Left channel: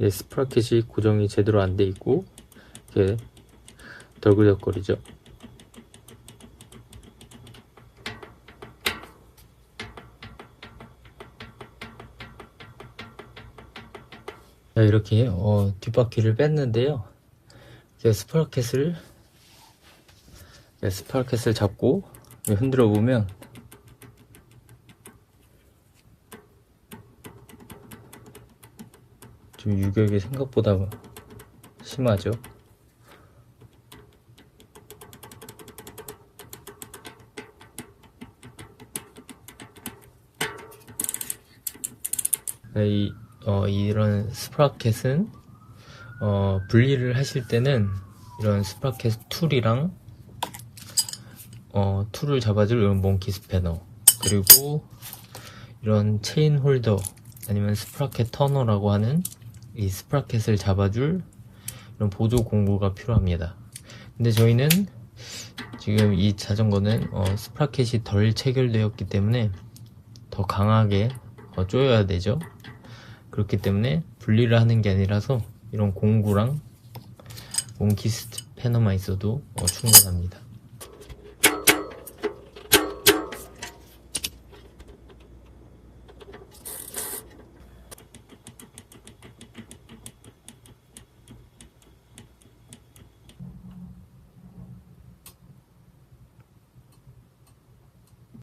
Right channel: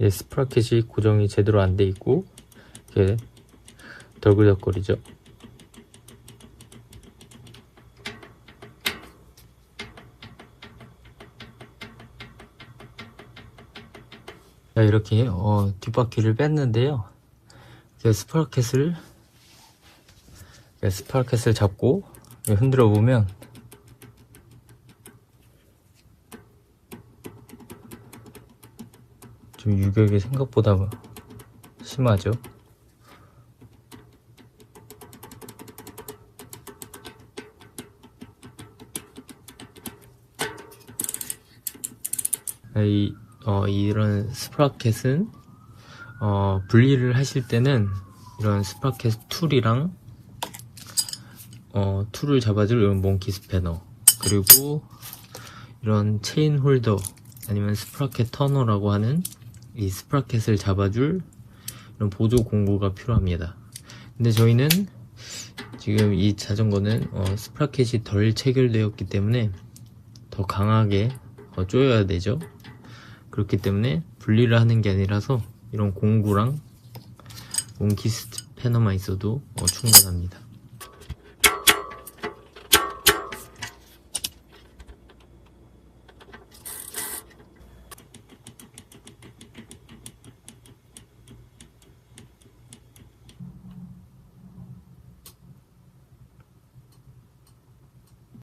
스프라켓이 고정이 제대로 안 돼 있고 이렇게 덜그덕거리죠. 이렇게 뒷바퀴를 뺐는데요. 스프라켓을 잡고 흔들어 보면 좀 유격이 생각보다 심하죠. 이런 스프라켓은 분리를 하실 때는 이런 스프라켓 툴이랑 툴을 잡아줄 이런 몽키 스패너, 그리고 이런 체인 홀더 아니면 스프라켓 터너라고 하는 이 스프라켓을 잡아줄 이런 보조 공구가 필요합니다. 근데 저희는 지금 이 자전거는 스프라켓이 덜 체결되었기 때문에 더 강하게 조여야 되죠. 그렇기 때문에 분리를 하는 게 아니라서 이런 공구랑 몽키 스패너만 있어도 충분합니다.